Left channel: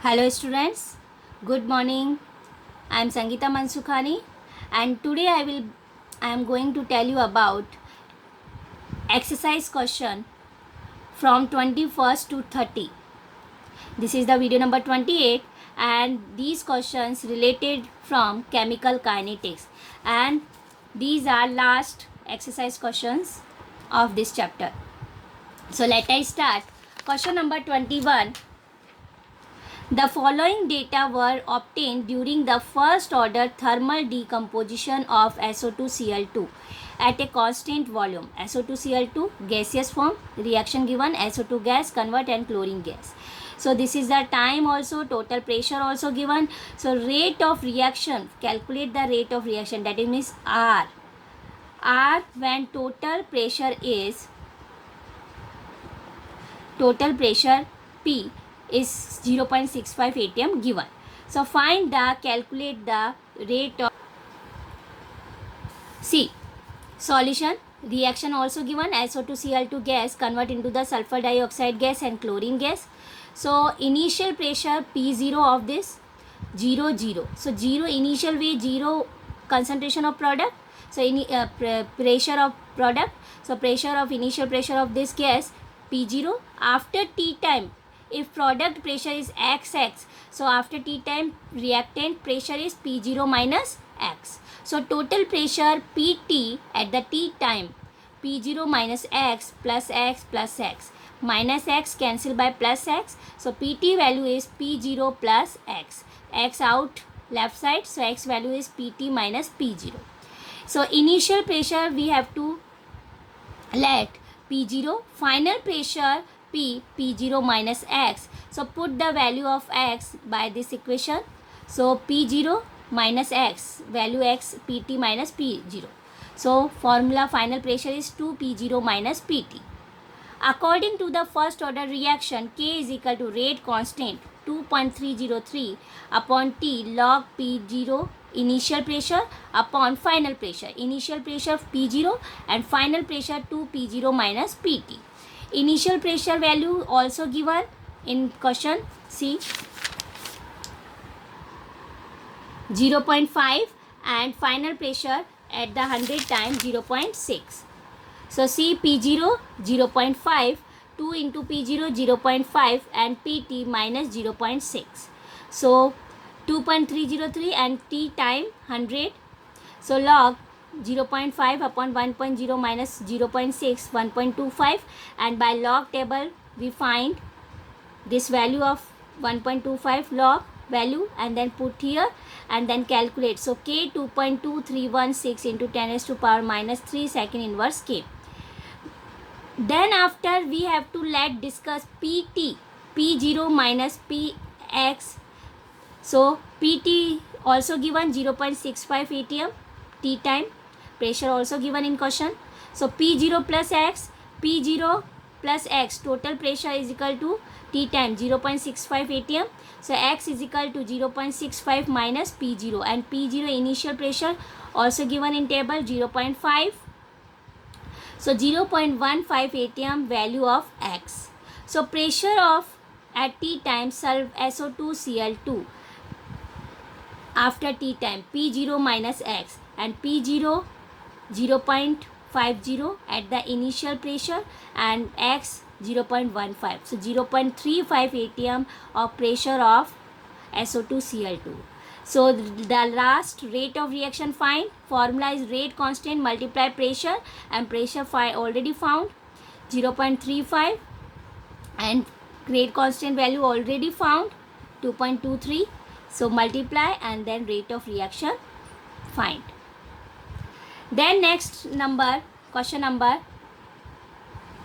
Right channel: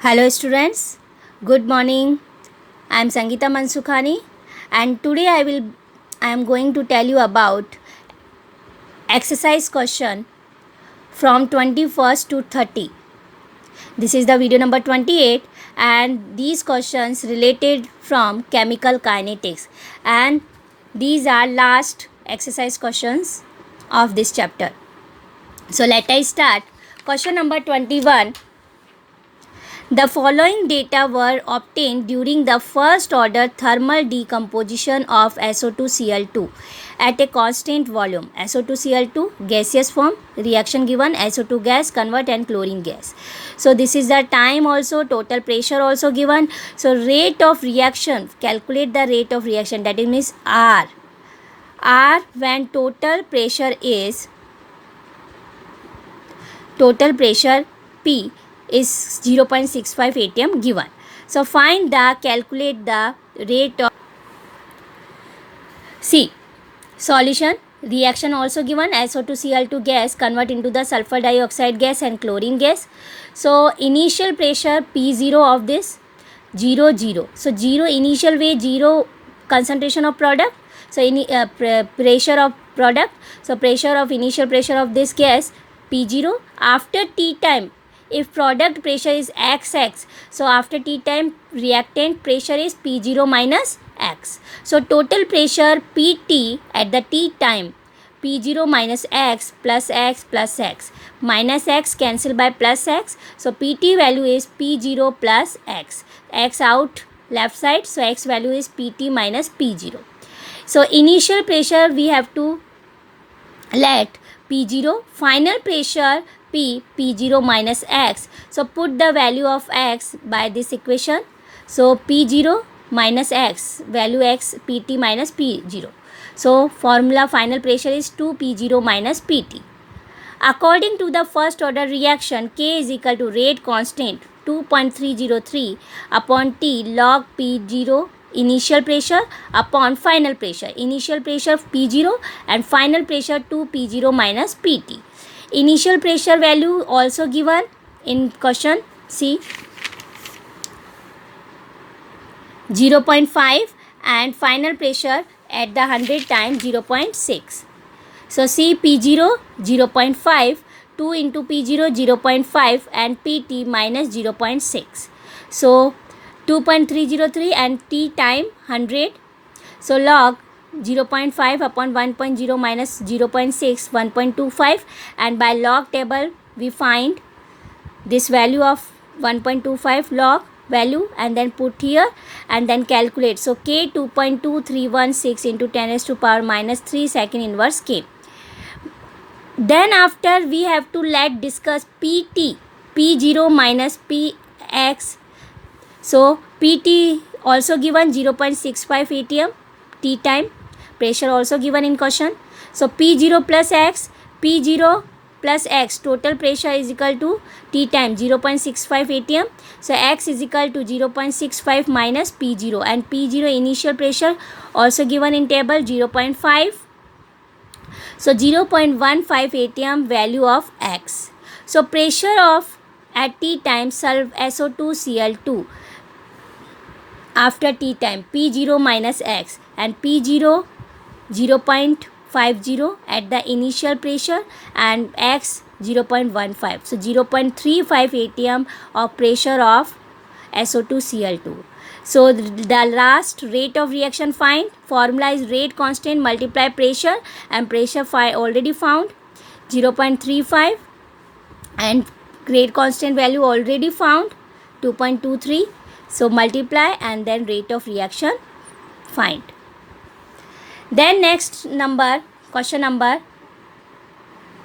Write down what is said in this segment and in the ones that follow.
Hello students, good morning. I am Sangeeta Mansukhani and today I am going to tell you about exercise question from 21st to 30. This is the video number 28 and these questions related from chemical kinetics and these are last exercise questions of this chapter. So let us start. Question number 21. The following data were obtained during the first order thermal decomposition of SO2Cl2 at a constant volume. SO2Cl2 gaseous form, reaction given SO2 gas convert and chlorine gas. So this is the time also, total pressure also given. So rate of reaction, calculate the rate of reaction, that means R. R when total pressure P is 0.65 atm given. So calculate the rate of C. Solution, reaction also given, SO2Cl2 gas convert into the sulfur dioxide gas and chlorine gas. So initial pressure P0 of this 0. So 0 initial way, 0 concentration of product. So pressure of product. So initial pressure of this gas P0 after T time. If product pressure is XX, so after T time reactant pressure is P0 minus X. So total pressure PT at the T time P0 minus X plus X plus X minus X cancel by plus X. So PT value is P0 plus X. X out left side, so X value is PT minus P0. So initial pressure we have to let P0, final pressure P0 minus X. So put the value of X by this equation. So P0 minus X, value X, PT minus P0. So formula final pressure is 2 P0 minus PT. According to the first order reaction, K is equal to rate constant 2.303 upon T log P0 initial pressure upon final pressure. Initial pressure P0 and final pressure 2 P0 minus PT. Initial pressure value also given in question C 0.5 and final pressure at the 100 times 0.6. So C P0 0.5, 2 into P0 0.5 and PT minus 0.6. So 2.303 and T time 100. So log 0.5 upon 1.0 minus 0.6, 1.25, and by log table we find this value of 1.25 log value and then put here and then calculate. So K 2.2316 into 10 raised to power minus 3 second inverse K. Then after we have to discuss PT, P0 minus Px. So PT also given 0.65 atm, T time, pressure also given in question. So P0 plus X, P0 plus X, total pressure is equal to T time 0.65 atm. So X is equal to 0.65 minus P0 and P0 initial pressure also given in table 0.5. So 0.15 atm value of X. So pressure of at T time SO2Cl2 after T time P0 minus X and P0 0.50 at the initial pressure and X 0.15. So 0.35 atm of pressure of SO2Cl2. So the last rate of reaction find, formula is rate constant multiply pressure and pressure already found 0.35 and rate constant value already found 2.23. So multiply and then rate of reaction find. Then next number, question number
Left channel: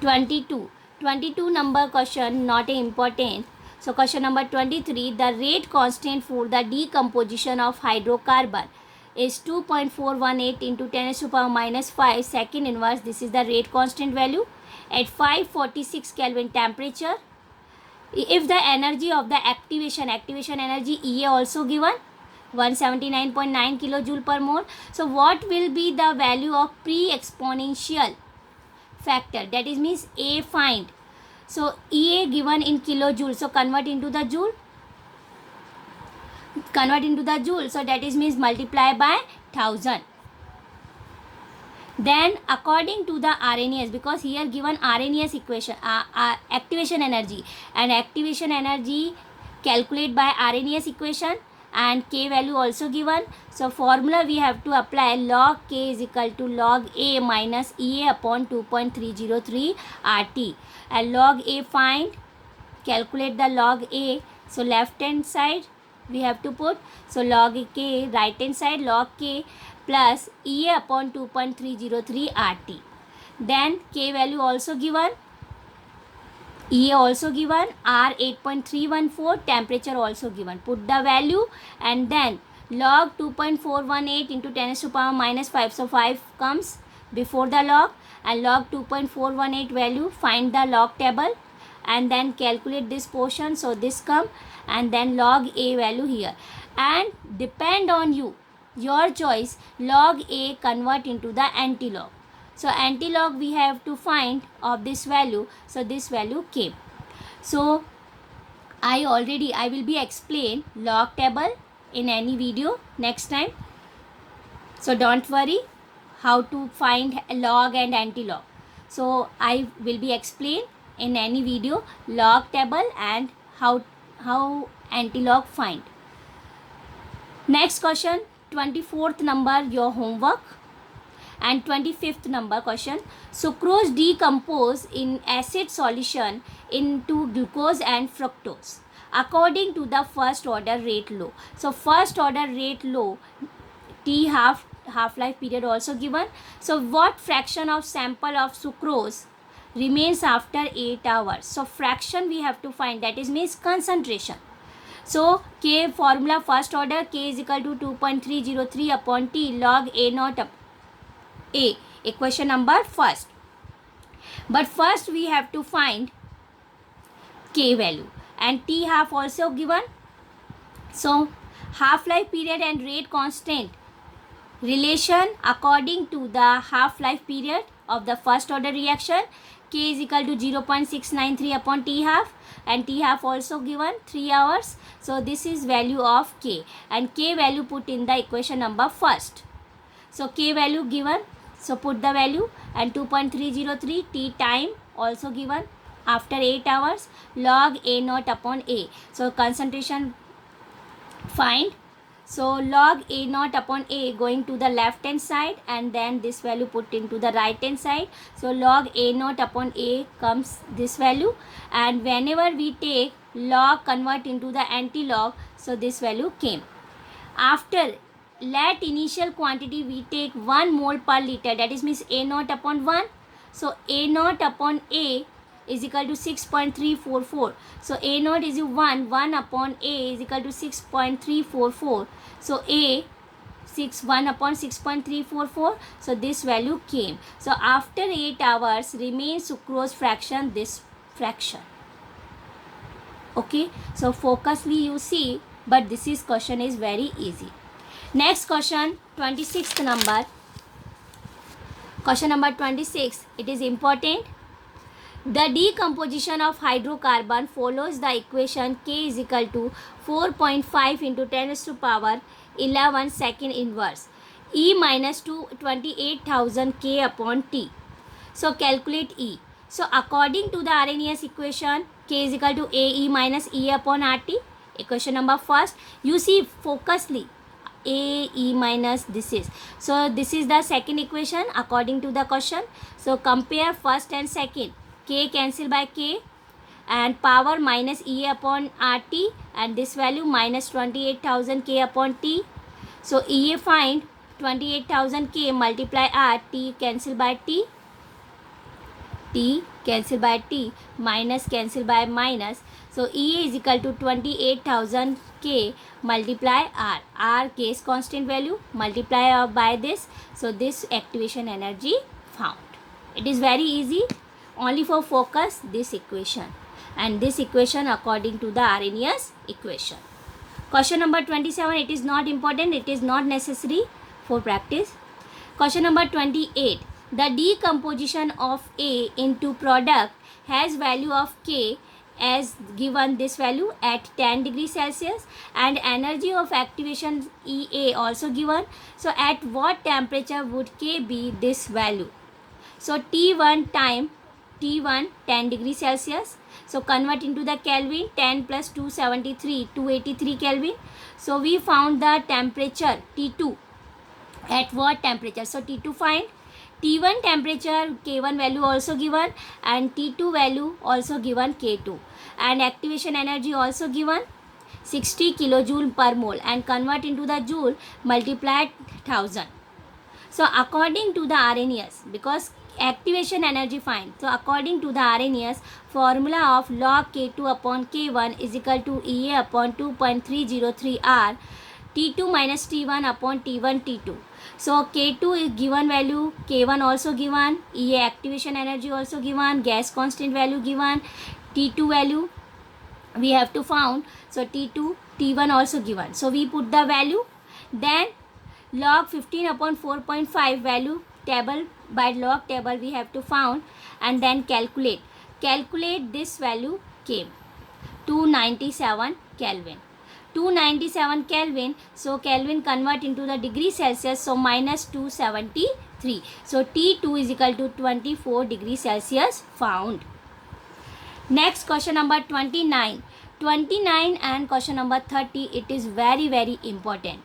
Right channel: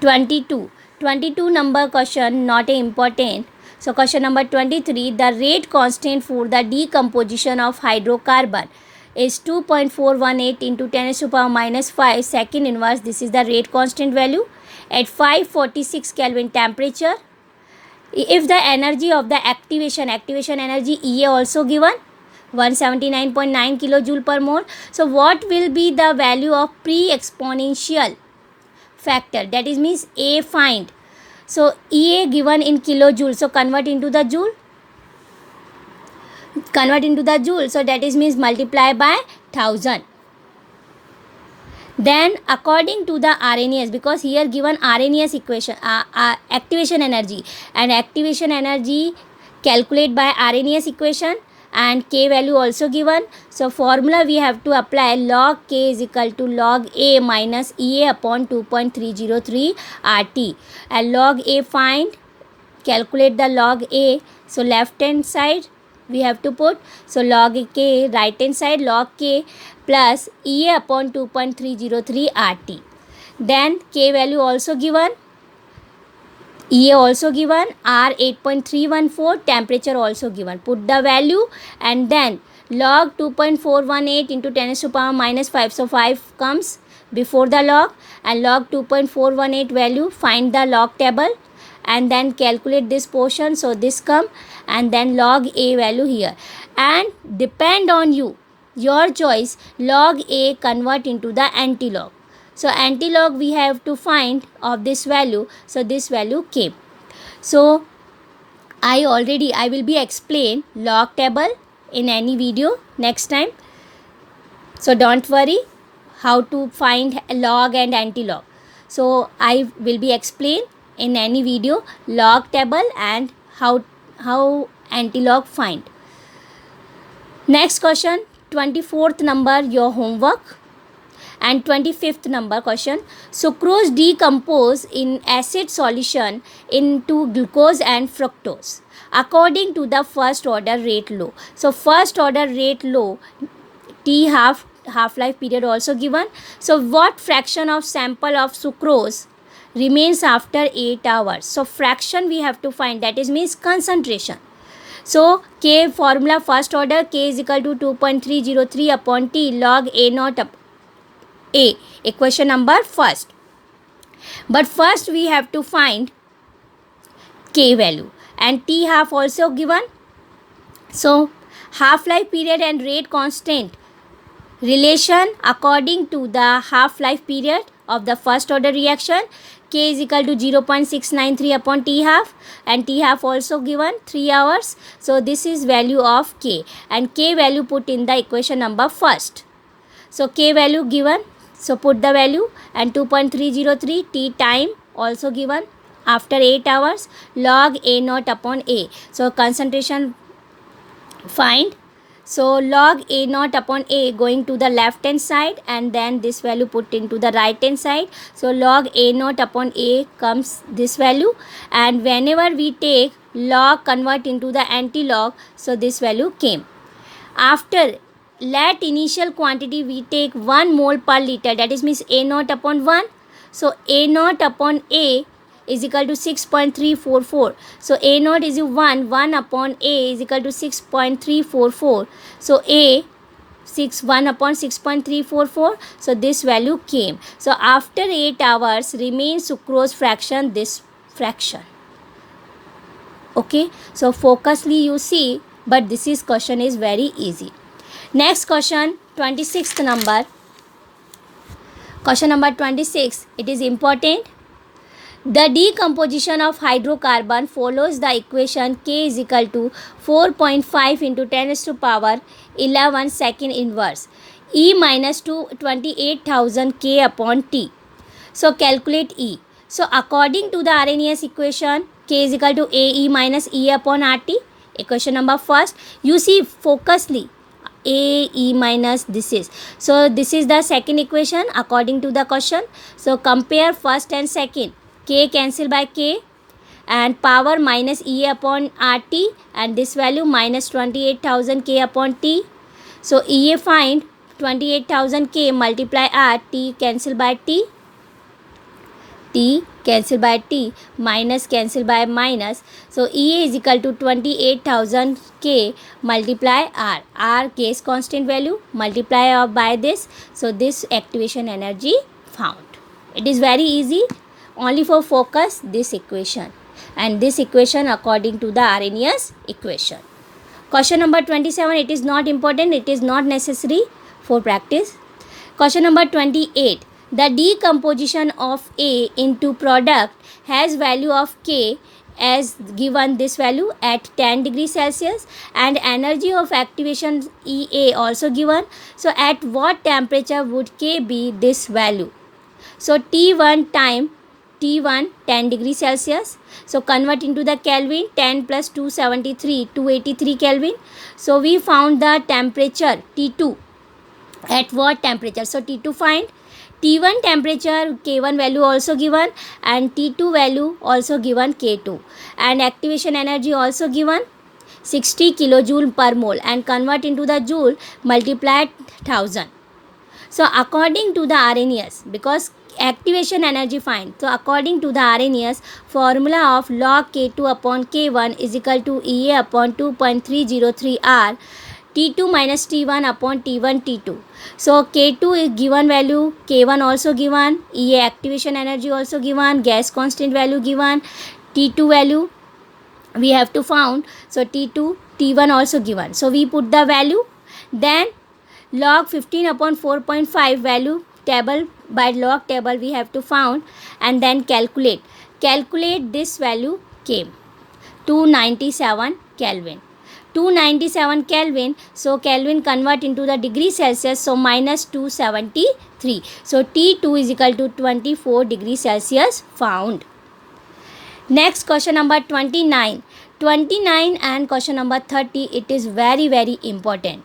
22. 22 number question not important. So question number 23, the rate constant for the decomposition of hydrocarbon is 2.418 into 10 raised to power minus 5 second inverse. This is the rate constant value at 546 Kelvin temperature. If the energy of the activation energy EA also given 179.9 kilojoule per mole. So what will be the value of pre-exponential factor, that is means A find. So EA given in kilojoule, so convert into the joule. convert into the joule, so that is means multiply by 1000. Then according to the RNES, because here given RNES equation, activation energy, and activation energy calculate by RNES equation, and K value also given. So formula we have to apply, log K is equal to log A minus EA upon 2.303 RT, and log A find, calculate the log A. So left hand side we have to put, so log K, right hand side log K plus EA upon 2.303 RT. Then K value also given, EA also given, R 8.314, temperature also given. Put the value, and then log 2.418 into 10 to the power minus 5. So 5 comes before the log, and log 2.418 value, find the log table, and then calculate this portion. So this come, and then log A value here, and depend on you, your choice, log A convert into the anti-log. So anti-log we have to find of this value. So this value came. So I will be explain log table in any video next time. So don't worry how to find log and anti-log. So I will be explain in any video log table and how anti-log find. Next question, 24th number your homework. And 25th number question, sucrose decompose in acid solution into glucose and fructose according to the first order rate law. So first order rate law, T half-life period also given. So what fraction of sample of sucrose remains after 8 hours? So fraction we have to find, that is means concentration. So K formula first order, K is equal to 2.303 upon T log A naught up A, equation number first. But first we have to find K value, and T half also given. So half-life period and rate constant relation according to the half-life period of the first order reaction, K is equal to 0.693 upon T half, and T half also given 3 hours. So this is value of K, and K value put in the equation number first. So K value given, so put the value, and 2.303 T time also given after 8 hours, log A naught upon A. So concentration find. So log A naught upon A going to the left hand side, and then this value put into the right hand side. So log A naught upon A comes this value, and whenever we take log convert into the anti-log, so this value came. After let initial quantity we take 1 mole per liter, that is means A naught upon 1. So A naught upon A is equal to 6.344. So A naught is 1 upon A is equal to 6.344. So A 1 upon 6.344. So this value came. So after 8 hours remains sucrose fraction, this fraction. Okay, so focusly you see, but this is question is very easy. Next question, 26th number. Question number 26, it is important. The decomposition of hydrocarbon follows the equation K is equal to 4.5 into 10 raised to power 11 second inverse E minus 28,000 K upon T. So calculate E. So according to the RNES equation, K is equal to AE minus E upon RT. Equation number first, you see focusly. A E minus this is. So this is the second equation according to the question. So compare first and second. K cancel by K, and power minus E upon RT, and this value minus 28,000 K upon T. So EA find 28,000 K multiply R, T cancel by T. T cancel by T, minus cancel by minus. So EA is equal to 28,000 K multiply R. R case constant value multiply by this. So this activation energy found. It is very easy. Only for focus this equation, and this equation according to the RNES equation. Question number 27, it is not important, it is not necessary for practice. Question number 28. The decomposition of A into product has value of K as given this value at 10 degrees Celsius, and energy of activation EA also given. So at what temperature would K be this value? So T1 time T1 10 degrees Celsius. So convert into the Kelvin, 10 plus 273, 283 Kelvin. So we found the temperature T2 at what temperature. So T2 find, T1 temperature K1 value also given, and T2 value also given K2, and activation energy also given 60 kilojoule per mole, and convert into the joule, multiplied 1000. So according to the Arrhenius, because activation energy find, so according to the Arrhenius, formula of log K2 upon K1 is equal to EA upon 2.303 R, T2 minus T1 upon T1 T2. So K2 is given value, K1 also given, EA activation energy also given, gas constant value given, T2 value we have to found. So T2, T1 also given. So we put the value, then log 15 upon 4.5 value table, by log table we have to found, and then calculate this value came 297 Kelvin. 297 Kelvin, so Kelvin convert into the degree Celsius, so minus 273. So T2 is equal to 24 degrees Celsius found. Next question number 29. 29 and question number 30, it is very important.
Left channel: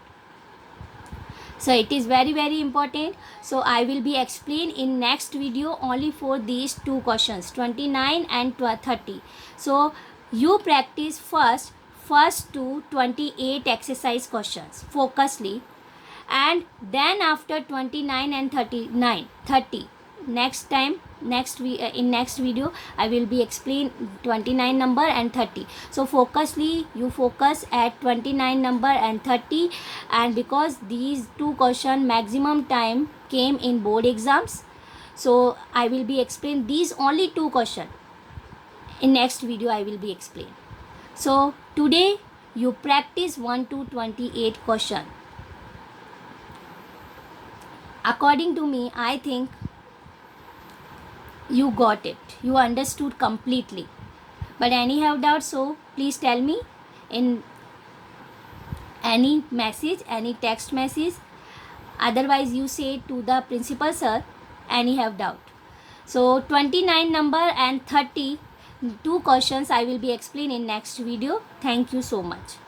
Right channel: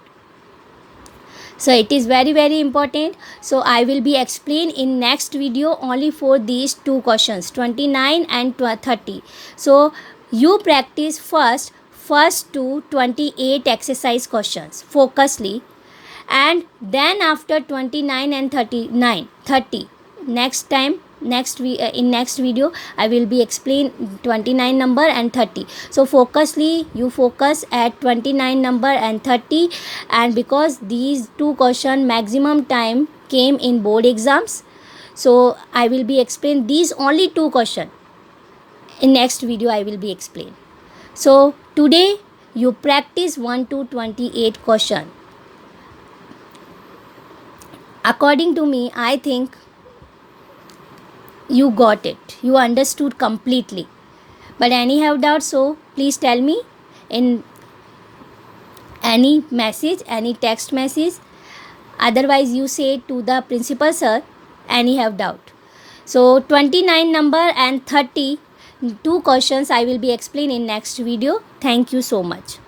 So it is very important. So I will be explain in next video only for these two questions, 29 and 30. So you practice first to 28 exercise questions focusly, and then after 29 and 30 next time, in next video I will be explain 29 number and 30. So focusly you focus at 29 number and 30, and because these two question maximum time came in board exams, so I will be explain these only two question. In next video I will be explain. So today you practice 1 to 28 question. According to me, I think you got it, you understood completely. But any have doubts, so please tell me in any message, any text message. Otherwise you say to the principal sir, any have doubt. So 29 number and 30 two questions I will be explaining in next video. Thank you so much.